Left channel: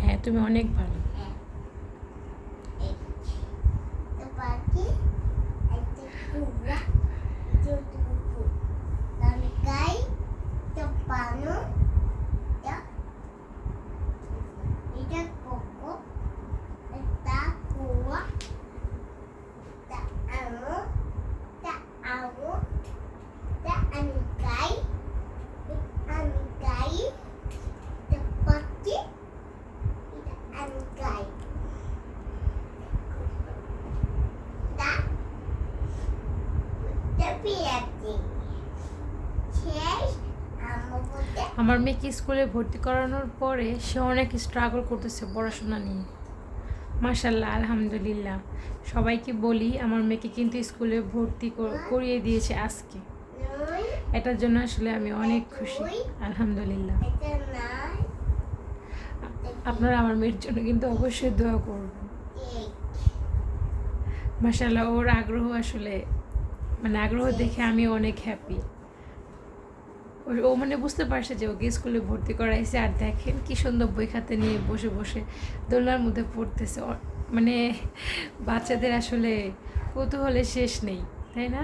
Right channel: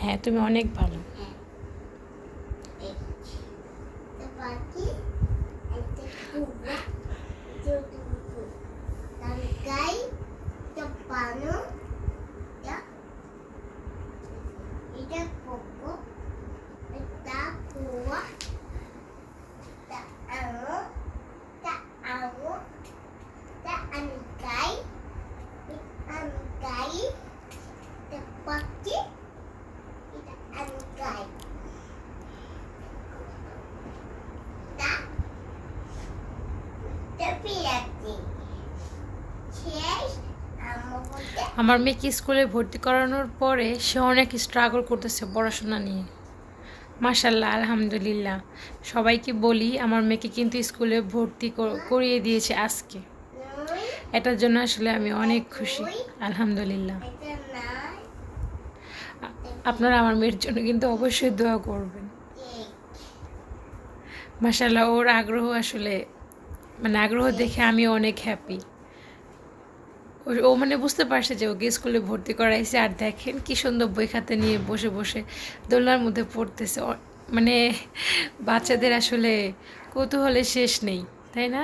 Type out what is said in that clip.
হ্যাঁ, তুমি অনেক ভালো। আমার মেয়েকে স্কুলে ভর্তি করানোর পরে সে অনেক স্ট্রাগল করতেছে পড়াশোনা নিয়ে। মাশাল্লাহ, আলহামদুলিল্লাহ। সবাইকে বলি আমার মেয়েকে কিন্তু স্কুলে ভর্তি করিয়ে দিয়েছে আজকে। এটার জন্য আসলে আমি অনেক খুশি, আলহামদুলিল্লাহ। আপনারা আমার মেয়ের জন্য কিন্তু অবশ্যই দোয়া করবেন। মাশাল্লাহ, ওর আগ্রহ আসলে আগ্রহ দেখে আমি অনেক হ্যাপি। ও বুঝতে পারছে যে ওকে স্কুলে ভর্তি করাইছে, আর দেখেন কি সুন্দর বই খাতা নিয়ে বসে বসে দোলনার মধ্যে পড়তেছে। বাচ্চাদের আসলে কৌতূহলের শেষ নেই, তাই না?